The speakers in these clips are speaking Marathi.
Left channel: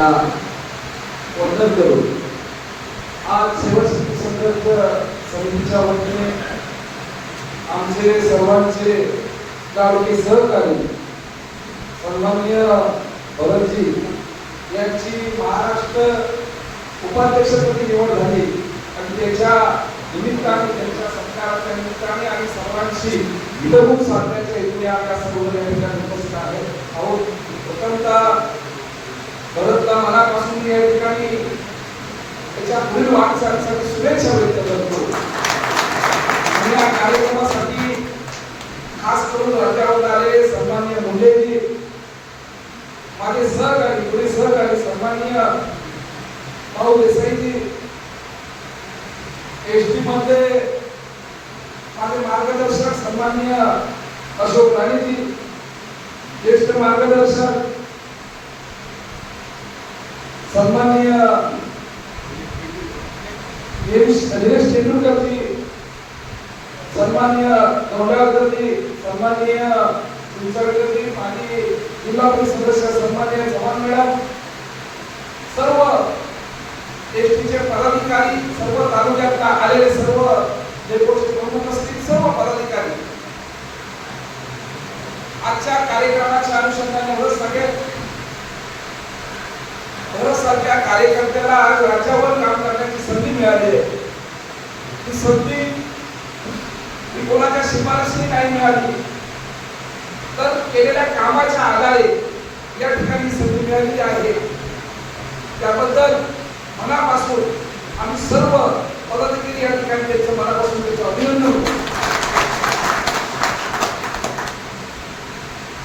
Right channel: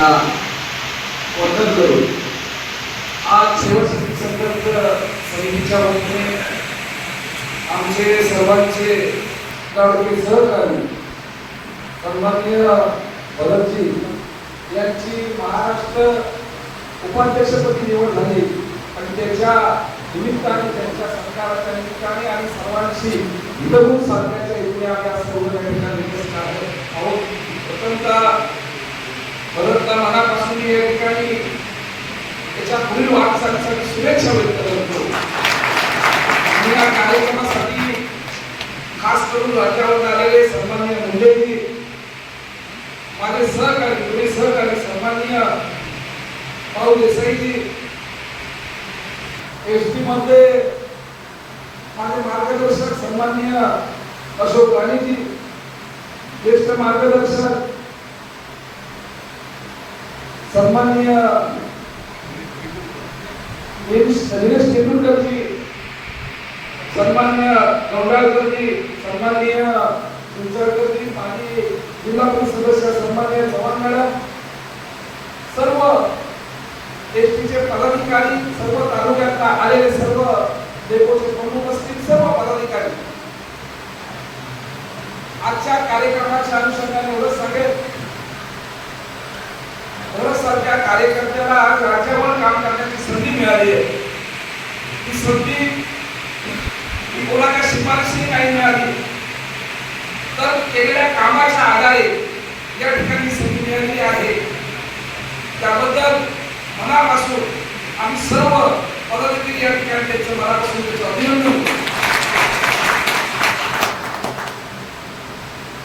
वंदन करून आज शेवटची संघर्ष समितीच्या वतीने आमचे सर्वांचे लाडके सहकारी सन्माननीय भरतजी यांची महाराष्ट्र उपाध्यक्षपदी निवड झाली आणि त्याच्या निमित्ताने त्यांच्या सत्काराच्या निमित्ताने आणि सर्वांशी हितगुज साधण्याच्या हेतूने आम्ही आज सर्व या ठिकाणी उपस्थित आहोत. प्रथमतः भरतला मनापासून या ठिकाणी त्याच्या पुढील वाटचालीसाठी शुभेच्छा व्यक्त करतो. आणि या कार्यक्रमासाठी खास करून राज्यावर आलेले सन्माननीय मुंडेजी, माझे सहकारी पुढे सहकारी सन्माननीय भाऊ देसाईजी, एसटी मध्ये माझे मार्गदर्शक सन्माननीय अशोक राणेजी, ज्येष्ठ मार्गदर्शक सन्माननीय दिनेश तेंडुलकरजी, सन्माननीय गौडाळकरजी, सन्माननीय चिंचळकरजी, माजी जिल्हा परिषद सदस्य सन्माननीय चव्हाण मॅडम, सर्व एसटीचे पदाधिकारी, सर्व तालुक्यात आलेले सर्व डेपोचे प्रमुख असतील सर्व पदाधिकारी, आजच्या कार्यक्रमाच्या अनुषंगाने एवढंच सांगेल, सारख्या कार्यकर्त्याला आज राज्यावर काम करण्याची संधी मिळाली आहे. ही संधी ही कोणाच्या शिफारशीने काही मिळाली तर केलेल्या कामाच्या आधारे या ठिकाणी संधी मिळाली आहे. त्याबद्दल मनापासून आम्ही सर्व पदाधिकारी या ठिकाणी त्यांचं मनापासून त्याचं अभिनंदन करतो.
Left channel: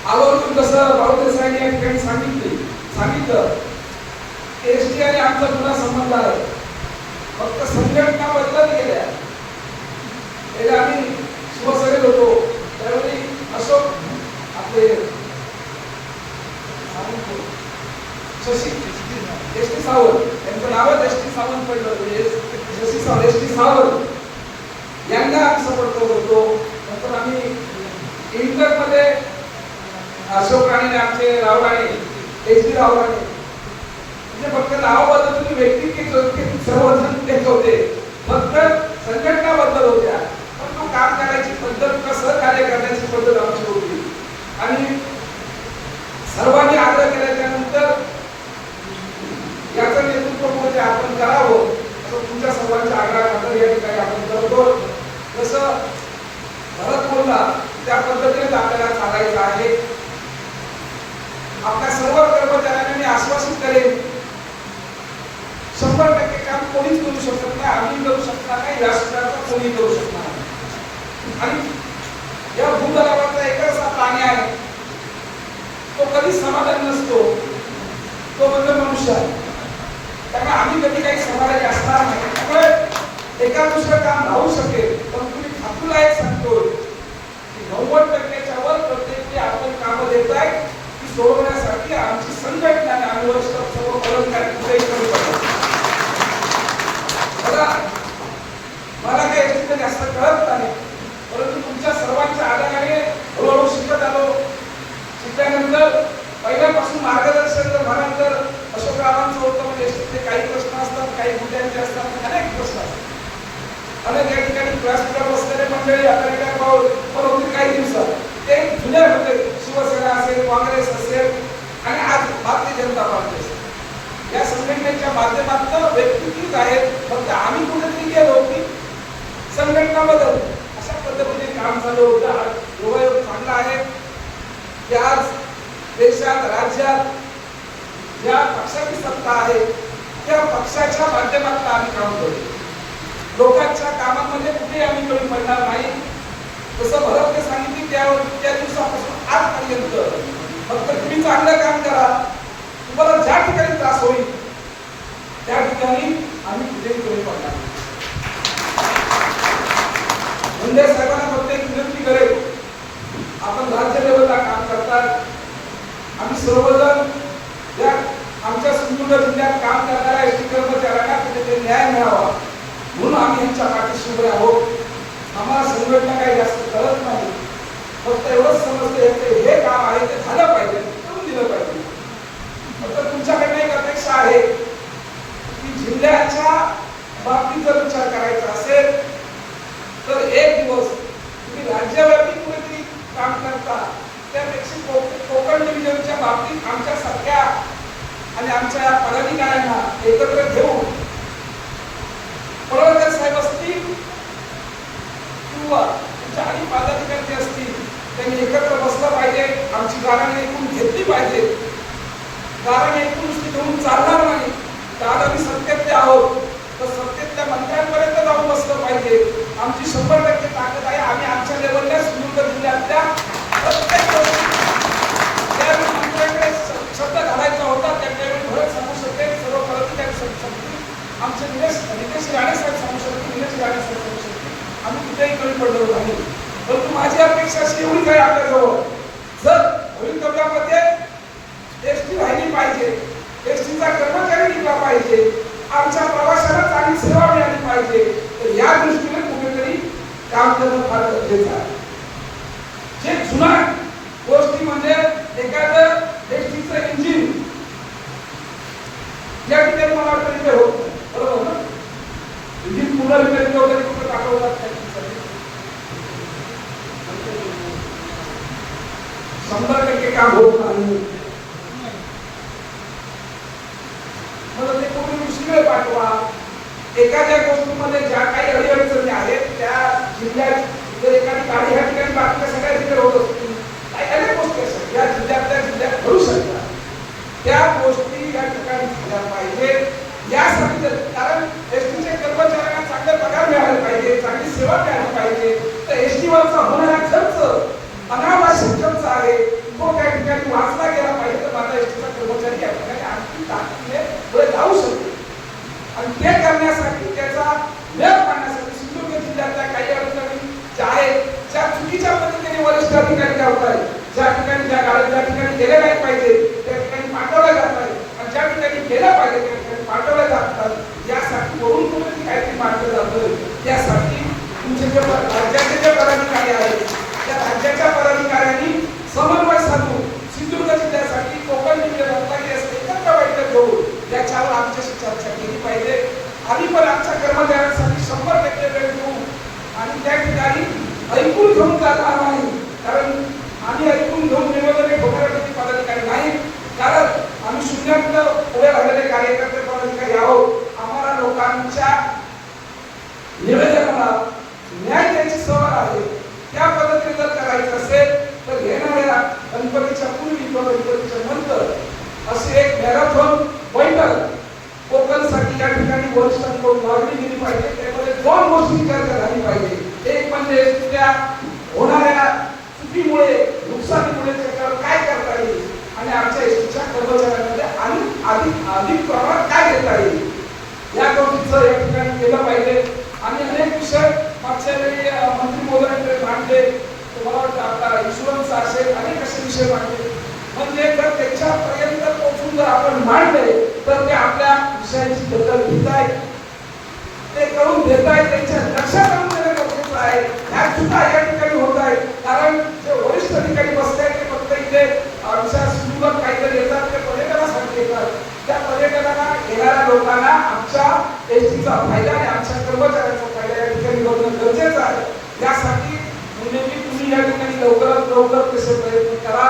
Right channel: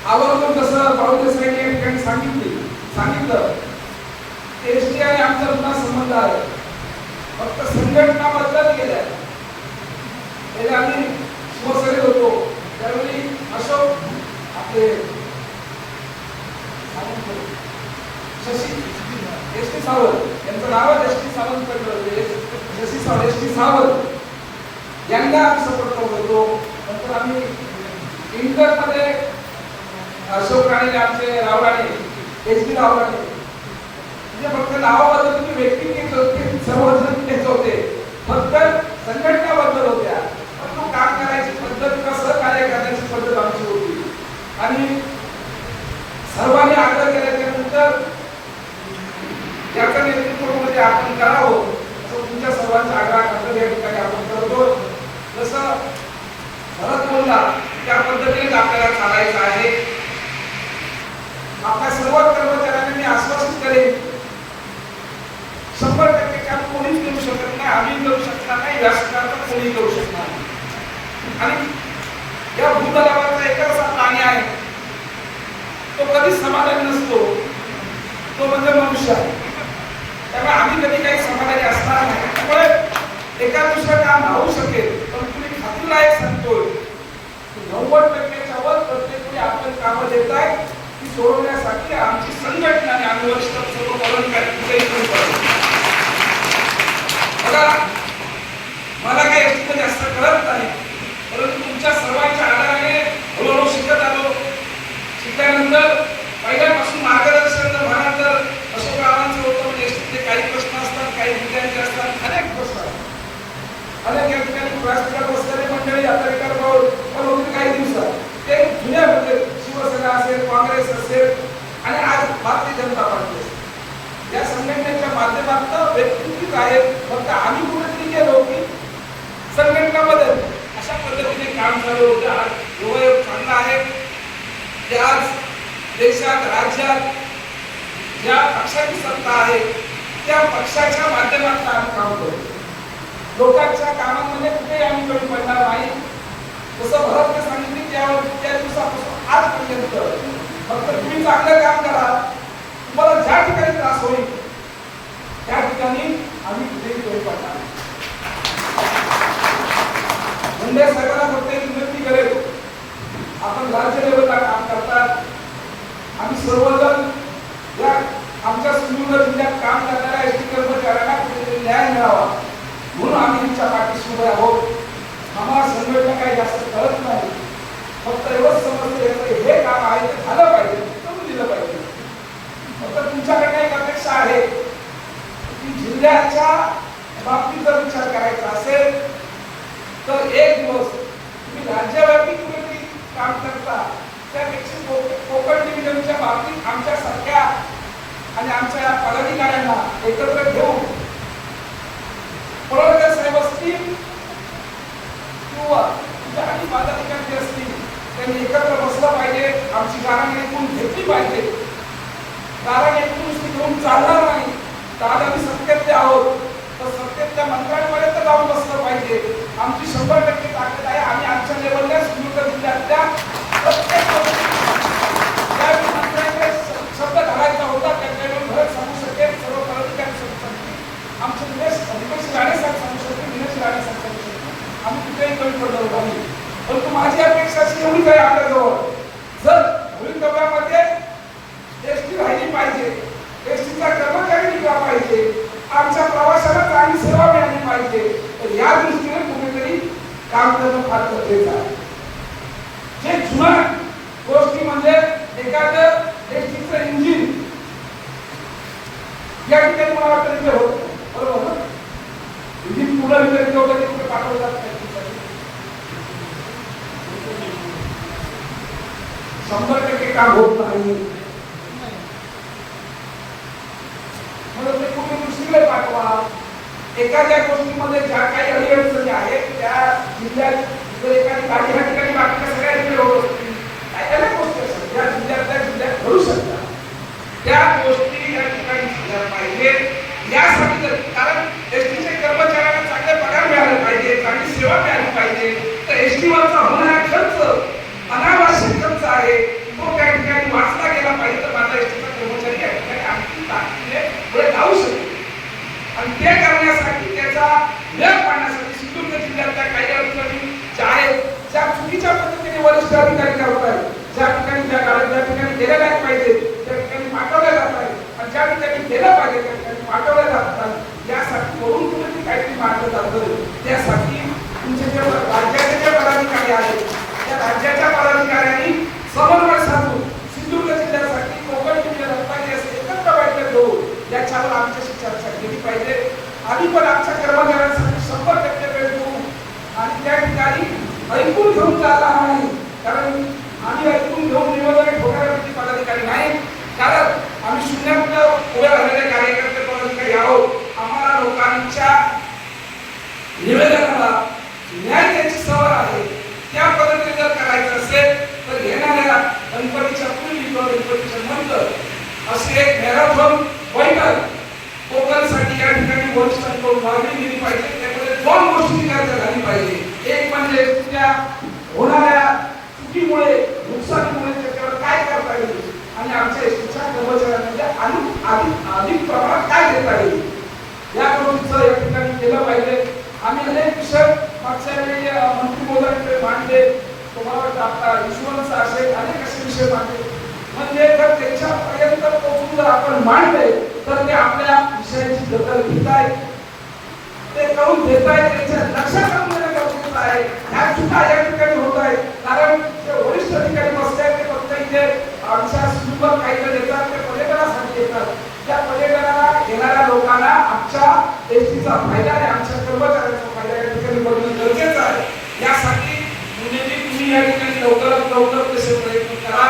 आवर्जून कसं भाऊ देसाईंनी या ठिकाणी सांगितलं एसटी आणि आमचा जुना संबंध आहे. फक्त संघटना बदलत गेल्या. पहिले आम्ही शिवसेनेत होतो त्यावेळी अशोक आपले शशी एसटी सावंत यांचं नावच एसटी सावंत पडलं, शशी सावंत एसटी सावंत यांना आम्ही सपोर्ट करत होतो. नंतर आम्ही इंटरमध्ये अशोक राणे आमचे रावराणे एसटी रावराणे म्हणजे फक्त नाव बदलत होती, व्यक्ती सर्वजण तेच होते, फक्त संघटना बदलत होत्या, पण काम करायची पद्धत किंवा सहकार्य करण्याची पद्धत आमची होती. आणि सर्वांनी आग्रह केल्यानंतर याचं नेतृत्व म्हणजे आपण करावं असं तुमच्या सर्वांच्या आग्रहाखातर या ठिकाणी आपण करतो. जसं भरत बोलला त्या पद्धतीने आपल्याला चालायचं आहे. आपल्या सर्व कर्मचाऱ्यांना मी आश्वासित करेन 100% काम कोणीच करू शकत नाही, आम्ही करू शकणार नाही, व्यासपीठाचा कोणी करू शकणार नाही. आणि या भूतलावरचा एकच असा प्राणी आहे तो कधीच समाधानी नसतो, तो म्हणजे मनुष्य. त्यामुळे आम्ही कधी काही समाधानी असणार नाही. त्यामुळे एका दुसरं काम राहू शकेल, पण तुम्ही खात्रीलायक सांगतोय की 90%च्या वर प्रत्येक आपण कामं देत आहे ती सोडवण्यासाठी आमची संघटना आणि आम्ही वरिष्ठ सर्व पदाधिकारी मला काही याच्यात जास्त कळत नाही, परंतु तुमच्या सर्वांच्या आधाराने हळूहळू शिकत आलो. शिकल्यानंतर पहिल्यापासून मार्गदर्शन जर म्हणाल तर अशोकरावांचं होतं म्हणजे काही प्रश्न असतात, काही मुद्द्यांचे असतात, अनेक प्रश्न असतात. अनेक या ठिकाणी व्यासपीठावर बसलेले मंडळी आता भाऊ पण होती काही दिवसात ते जुन्या म्हणजे शिवसेना असेल, काँग्रेस असेल आणि आज भारतीय जनता पार्टी असेल, या संघटनेच्या माध्यमातून व्यक्तीच आहेत. फक्त आम्ही कुठेतरी गेलो की संघटना बदल अशा पद्धतीने काम झालं होतं. आज योगायोग चांगला आहे की आज देशात राज्यात ज्या पक्षाची सत्ता आहे त्या पक्षाच्या माध्यमातून आम्ही काम करतो. लोकांच्या कामांमध्ये कुठेही आम्ही कमी पडणार नाही. जसं भरतने सांगितले त्या दिवसापासून आजपर्यंत फक्त तुम्ही चांगलं काम करा, तुम्हाला ज्या ठिकाणी त्रास होईल त्या ठिकाणी आम्ही कुठेही कमी पडणार नाही. मुंडे साहेबांना फक्त एक विनंती करेल, आपण राज्य लेवलला काम करतात, आम्ही सर्वजण या आमच्या सिंधुदुर्ग जिल्ह्यात काम करणाऱ्या एसटी कर्मचाऱ्यांना कुठेतरी न्याय मिळावा म्हणून आम्ही यांच्या पाठीशी उभे आहोत. आम्हाला संघटना काही जास्त कळत नाही, फक्त एवढंच समजते हे काम आहे ते झालं पाहिजे, करून दिलं पाहिजे. फक्त तुमच्याकडे एक अपेक्षा आहे की जिल्ह्याच्या बाबतीत जर विचार करायचा असेल तर एक दिवस तुम्ही राज्यव्यापी कुठेतरी काम करता, त्यापेक्षा कोकण डिव्हिजनच्या बाबतीत आमच्यासारख्या आणि आमच्या पदाधिकाऱ्यांना एकत्र घेऊन पडळकर साहेब असतील किंवा तुमच्या आणि पदाधिकारी असतील त्यांनी एकत्र बसलं पाहिजे, आमची गाराणी ऐकून घेतली पाहिजे. गाराणी ऐकून नुसती घेऊन चालणार नाही. तर आम्ही सत्तेतले आहोत तर सत्तेतल्या मंत्र्यांपर्यंत जाऊन बसलं पाहिजे. आमची 100% ताकद आहे. आम्ही आमच्या लेवलला सिंधुदुर्ग जिल्ह्यातल्या प्रत्येक ज्यावेळी मंत्र्यांकडे शब्द घालायचा होता त्यावेळी भरत सांगू शकेल, सर्व पदाधिकारी सांगू शकतील, आमचे निलेश राणे साहेब सांगू शकतील, निलेश राणे साहेब सांगू शकतील, आम्ही कुठेही कमी पडलो नाही. परंतु माझी अपेक्षा अशी एवढी आहे आपल्याजवळ, जर भवितव्यामध्ये एसटी राहिली पाहिजे, एसटीचा कर्मचारी टिकला पाहिजे, आमच्या प्रवाशांना चांगली सेवा मिळाली पाहिजे, तर या दृष्टीने कुठेतरी काम करणं फार गरजेचं आहे. जे जुना गोष्टी म्हणजे एखादं एसटीचं इंजिन या ठिकाणी मला वाटतं तिथे होतं, बरोबर ना? इंजिन पुन्हा रिपेअर वगैरे कुठं टाकलं जात नाही. 100% काम होत नाही. म्हणून ते कुठून दुसरीकडे पाठवा. एखाद्या गोष्टीमध्ये ज्या काही अडचणी आहेत त्या जिल्ह्यात जर एखादी गाडी ह्या ठिकाणी बाकीच्या सगळ्या रिपेअर होत असतील, काही अनेक गोष्टी असतात या जिल्ह्यात घडू शकतात. त्या गोष्टी या ठिकाणी झाल्या पाहिजे. यासाठी जर कारण एसटीचे कर्मचाऱ्यांना चांगले पगार मिळाले पाहिजे, चांगली सेवा मिळाली पाहिजे, तर एसटीवरचा होणारा खर्च अनावश्यक खर्च आहे तो त्या ठिकाणी वाचला गेला पाहिजे. तर माझा एसटीचा कर्मचारी या ठिकाणी आणखी ताकदीने पुढे जाऊ शकेल. आणि ते करण्यासाठी त्याचा वेळ पाडण्यासाठी सिंधुदुर्ग जिल्ह्यातल्या काही अडचणी ज्या आहेत, ज्या चुकीच्या पद्धतीने वरिष्ठ अधिकारी करत आहेत, ज्या ठिकाणी ज्या गाड्या ज्या ठिकाणी गेल्या नाही पाहिजे त्या ठिकाणी पाठवल्या जात नाही, आणि ज्या ठिकाणी गेलं पाहिजे त्या ठिकाणी पाठवल्या जातात. यासाठी वरून कुठेतरी काहीतरी मांडलं जातं. त्यासाठी तुमचे जे राज्याचे जे पदाधिकारी आहेत त्या राज्याच्या पदाधिकाऱ्यांनी समन्वय साधून सिंधुदुर्ग जिल्ह्यासाठी कोकण जिल्ह्यात रत्नागिरी असते एकत्र बैठक घेऊन याच्यावर आमच्याशी चर्चा केली पाहिजे. आम्ही पण आमच्या कर्मचाऱ्यांसाठी 100% वेळ देऊ आणि त्या ठिकाणी ऐकून घेऊन चालणार नाही. कारण आम्ही ऐकून घेऊन निवेदन ठोकणारे पदाधिकारी नाही, कारण आम्ही शून्यातलं उभे राहिलेले कार्यकर्ते पदाधिकारी आहोत. आम्हाला लोकांच्या निवेदनाला न्याय द्यायची सवय आहे. त्या पद्धतीने जर करायचं असेल तर येणाऱ्या गणपतीच्या पूर्वी किंवा गणपतीच्या नंतर अशी एक मॅरेथॉन बैठक कोकणसाठी या ठिकाणी वरिष्ठांकडून मागणी केली पाहिजे. त्यामध्ये 2 गोष्टी चर्चा झाली पाहिजे. एक म्हणजे त्या होणाऱ्या चुकीमुळे नुकसानीमुळे त्याच्यावर काय करता येईल आणि आमच्या एसटीच्या कर्मचाऱ्यांमध्ये अधिक प्रमाणात काय देता येईल या गोष्टीचं या ठिकाणी केलं पाहिजे. आम्ही अनेक विषय मागच्या वेळी मंत्री महोदयांकडे मांडले. तुम्हाला वाटतं आपला इन्शुरन्स असेल अनेक असे विषय मांडले. म्हणजे जर त्याच्यापर्यंत पोहोचून जर आपण मांडले तर ते आपल्या विषयाची दखल घेत आहेत, ते करून देत आहेत, त्यांच्या लक्षात आणून देणं गरजेचं आहे. ह्या चुका या ठिकाणी होत आहेत कारण जे वरिष्ठ अधिकारी बसले आहेत ते फक्त इथे आमच्या सिंधुदुर्गात काहीतरी येतात, ते पर्यटनासाठी येतात. त्या पर्यटनाला येणाऱ्या लोकांना आमच्या एसटीचा फायदा आणि आमच्या कर्मचाऱ्यांचा फायदा या ठिकाणी बघणं गरजेचं आहे. यासाठी म्हणजे तुम्ही या ठिकाणी लवकरात लवकर तसे प्रयत्न करा.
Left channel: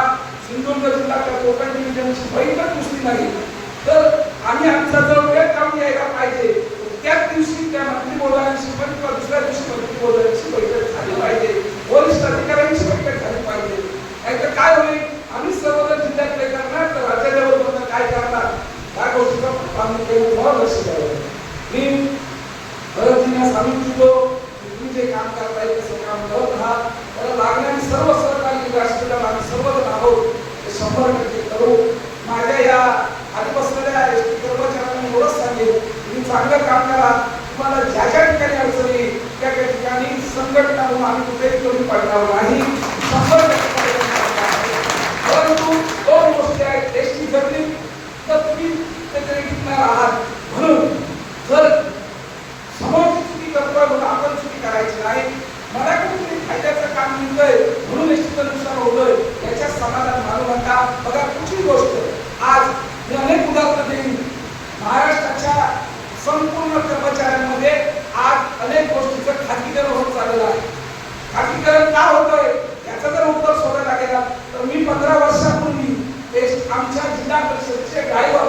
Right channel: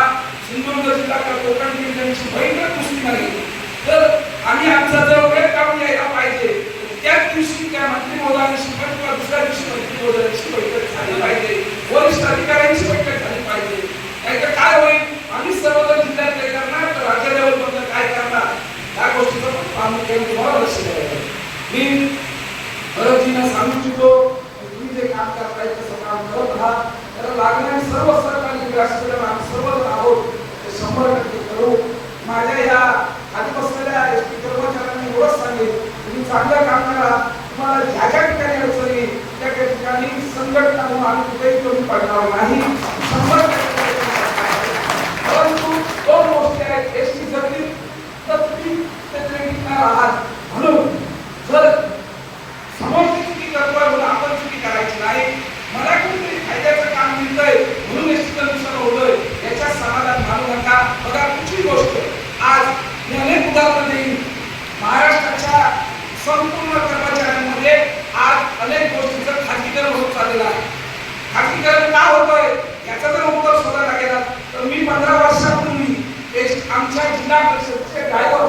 सिंधुदुर्ग जिल्हा कोकण डिव्हिजनची बैठक नुसती नाही तर आम्ही आमचा जर वेळ काढून यायला पाहिजे. त्याच दिवशी त्या मंत्री महोदयांशी किंवा दुसऱ्या दिवशी मंत्री महोदयांची बैठक झाली पाहिजे, वरिष्ठ अधिकाऱ्यांची बैठक झाली पाहिजे. नाहीतर काय होईल, आम्ही सर्वजण जिल्ह्यात काय करणार तर राज्य लेवलपर्यंत काय करणार या गोष्टीचं आम्ही लक्ष द्यायला. मी भरतजींना सांगू इच्छितो तुम्ही जे काम करताय तसं काम करत राहा. त्याला लागणारी सर्व सरकारी राष्ट्रीय आम्ही सर्वजण आहोत ते 100% करू. माझ्या या खाली बसलेल्या एसटी कर्मचाऱ्यांना एवढंच सांगेल, तुम्ही चांगलं काम करा. तुम्हाला ज्या ज्या ठिकाणी अडचणी त्या ठिकाणी संघटना म्हणून आम्ही कुठेही कमी पडणार नाही. 100% परंतु 2 गोष्टी आहेत. एसटी जगली तर तुम्ही त्याकडे टिकणार आहात. म्हणून जर समोरची चुकी करतोय म्हणून आपण चुकी करायची नाही. मला कुठेतरी फायद्याचं काम मिळतंय म्हणून एसटीचं नुकसान होतोय याच्यात समाधान मानू नका. बघा कुठली गोष्ट आज मी अनेक उदाहरणं देईन. खाजगीकरण का होतोय याचा जर उत्तर शोधायला गेला तर मी 15 वर्षापूर्वी आमच्या जिल्हा परिषदचे ड्रायव्हर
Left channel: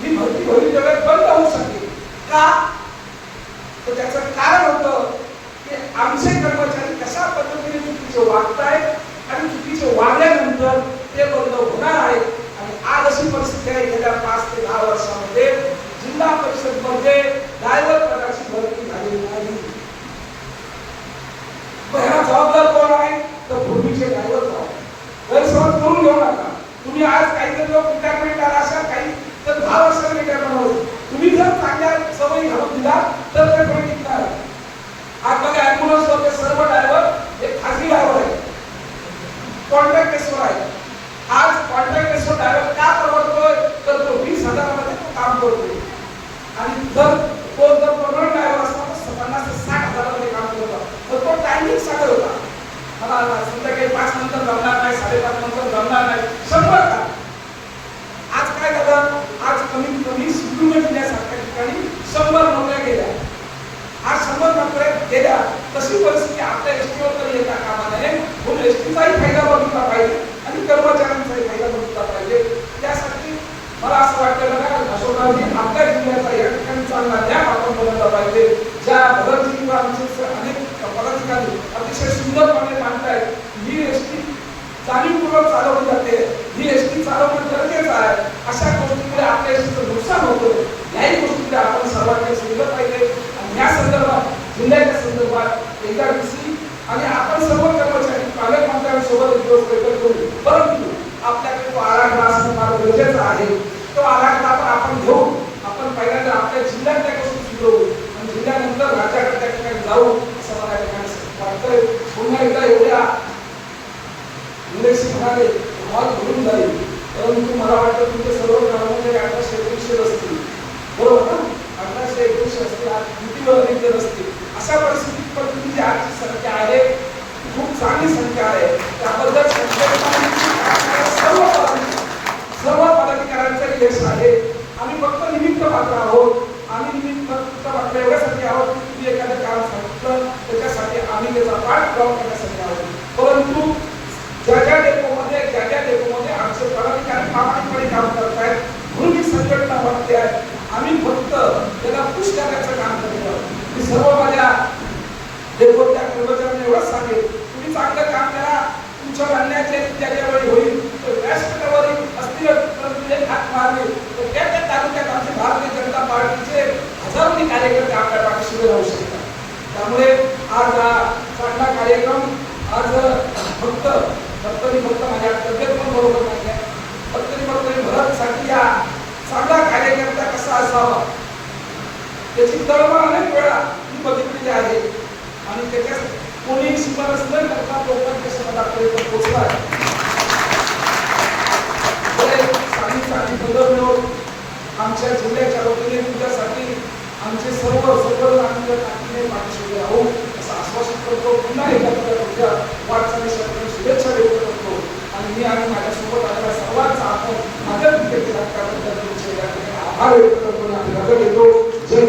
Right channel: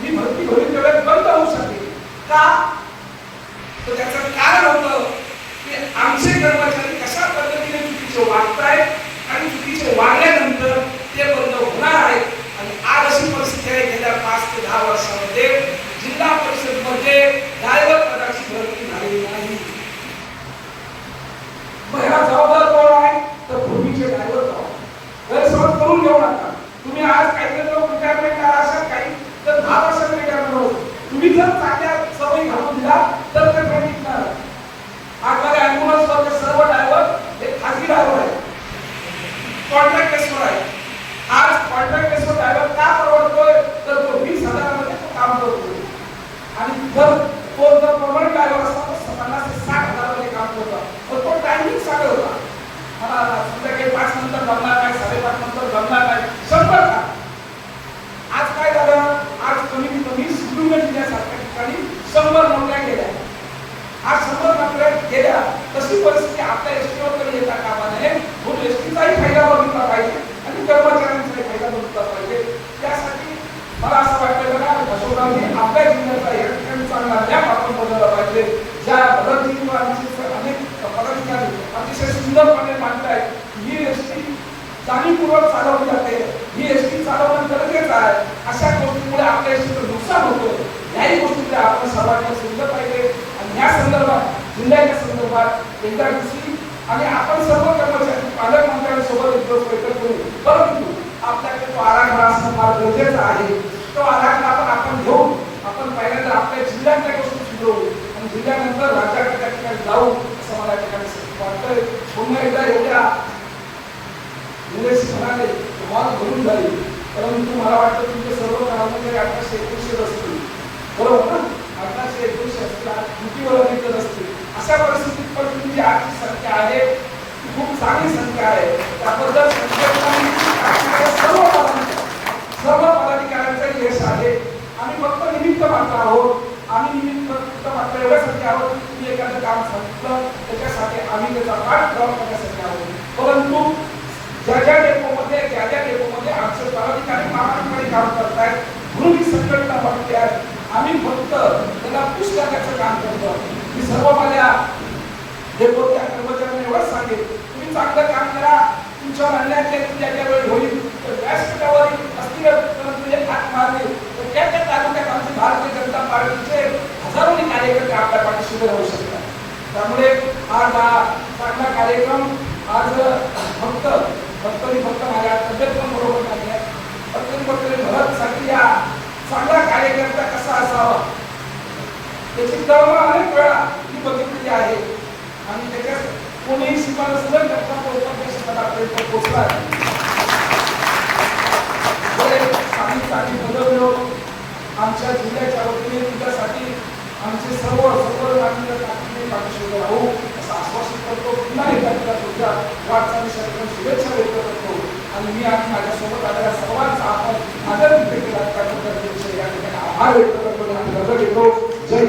मी भविष्यात बंद होऊ शकले का, तर त्याचं कारण होतं की आमचे कर्मचारी कशा पद्धतीने चुकीचे वागतायत आणि चुकीचे वागल्यानंतर ते बंद होणार आहेत. आणि आज अशी परिस्थिती आहे गेल्या 5 ते 10 वर्षामध्ये जिल्हा परिषद मध्ये ड्रायव्हर पदाची भरती झालेली नाही. ह्याला जबाबदार कोण आहे तर भूमीचे ड्रायव्हर गैरसमज करून घेऊ नका. तुम्ही आज काहीतरी लोक रिटायरमेंट असेल काही तर 10 वर्षांनी रिटायरमेंट होईल. तुम्ही जर चांगल्या सवयी घालून दिला तर ते पण टिकणार. आज बघा ॲम्ब्युलन्स वरचे सर्व ड्रायव्हर हे खाजगी ड्रायव्हर आहेत, कॉन्ट्रॅक्ट बेसवर आहेत. आज कॉन्ट्रॅक्ट बेसवर ड्रायव्हर का परवडतोय तर तो 20,000 मध्ये काम करतो आणि जर तो जर परमनंट ड्रायव्हर असता तर 50 ते 60,000 मध्ये काम करतो. तर तो टायमिंग सांगत होता मला संध्याकाळी 5 नंतर जमणार नाही, 5:30 नंतर जमणार नाही, 100 का. आज काय झालं, आज कमीत कमी सिंधुदुर्ग जिल्ह्यासारख्या ठिकाणी 100 नोकऱ्या गेल्या. आज 100 नोकऱ्या गेल्या तशी परिस्थिती आपल्या एसटीवर कधी येता कामा नये. म्हणून एसटीचाही फायदा बघितला पाहिजे आणि कर्मचाऱ्यांचाही फायदा बघितला पाहिजे. त्यासाठी मला असं वाटतं ना यशोदांनी आपल्या जिल्ह्याचा या ठिकाणी चांगला न्याय आपण बघितला पाहिजे. ज्या भगतजींचे अनेक पदाधिकारी अतिशय सुंदरपणे मांडतायत ही एसटी जाणीवपूर्वक चालवली जाते, ही एसटी चालवणं गरजेचं आहे. अशा गोष्टीमुळे आपल्या एसटीचं नुकसान होतोय. याही गोष्टीकडे आपण सर्वांनी समजलं पाहिजे आणि या संदर्भात जिल्ह्याच्या संदर्भात एकदा दिवशी आणि आपण सर्व कर्मचारी पालकमंत्र्यांसोबत एक दिवस बैठक करू. परंतु आपल्याकडे तो आराखडा असणं फार गरजेचं आहे. तो आराखडा आपण घेऊ. आपण पहिल्यांदा आपल्या जिल्ह्यातल्या गोष्टी सुधारू आणि जिल्ह्यानंतर राज्याकडे त्या ठिकाणी जाऊ असं मला ठिकाणी वाटतंय. पुन्हा एकदा एवढ्या निलेश म्हणाले हॉल भरून जाईल, परंतु मला वाटतं तुमचे सर्व कर्मचारी 1800-1900 असतील, बरोबर ना, 1800-1900 असतील, आज ड्युटीवर अनेक असतील. अशा परिस्थितीत पण तुमची जी आजची संख्या आहे खूप चांगली संख्या आहे. त्याबद्दल सर्व पदाधिकाऱ्यांचं यश आहे. आम्ही फक्त निमित्त मात्र आहोत. आम्ही निमित्त मात्र एवढ्यासाठी आहोत की तुम्ही एखादं काम सांगितलं त्याच्यासाठी आम्ही त्याचा पाठपुरावा करण्यासाठी आहोत. परंतु ज्या डेपोमध्ये आमचे पदाधिकारी प्रामाणिकपणे काम करतायत म्हणून ही संघटना वाटते आहे. आम्ही फक्त त्याला पुश करण्याचं काम करतो. मी सर्व माझ्या डेपोच्या कर्मचाऱ्यांना एवढंच सांगेन, तुम्ही चांगलं काम करा. तुमच्यावर अन्यायाचे ज्या वेळी होईल तर व्यासपीठावर असतील परंतु एक हात मारले तर त्या तालुक्यात आमचे भारतीय जनता पार्टीचे हजारोनी कार्यकर्ते आपल्या पाठीशी उभे राहू शकतात. त्यामुळे आज हा चांगला कार्यक्रम आज फक्त माझ्या तब्येत पण बरोबर नाही आहे. फक्त भरतसाठी या चांगला कार्यकर्ता कसा असावा त्याची तळमळ अनेक वेळा मी बघितलेली आहे आणि त्याच्यात कोणी शिफारस न करता तो उपाध्यक्ष पदापर्यंत पोहोचला आहे. चांगली पदं मिळवून आमच्या जिल्ह्याच्या वतीने तुझ्यासाठी आमचे सर्व आम्ही ताकदीने पाठीशी राहू असं आश्वासन करतो. पुन्हा एकदा तुझ्या वाटचालीसाठी शुभेच्छा व्यक्त करतो आणि मी आणि माझ्यासोबत आलेल्या सर्वांचा आपण आदर व्यक्त केला त्याबद्दल तुमचे या ठिकाणी आभार व्यक्त करतो. जय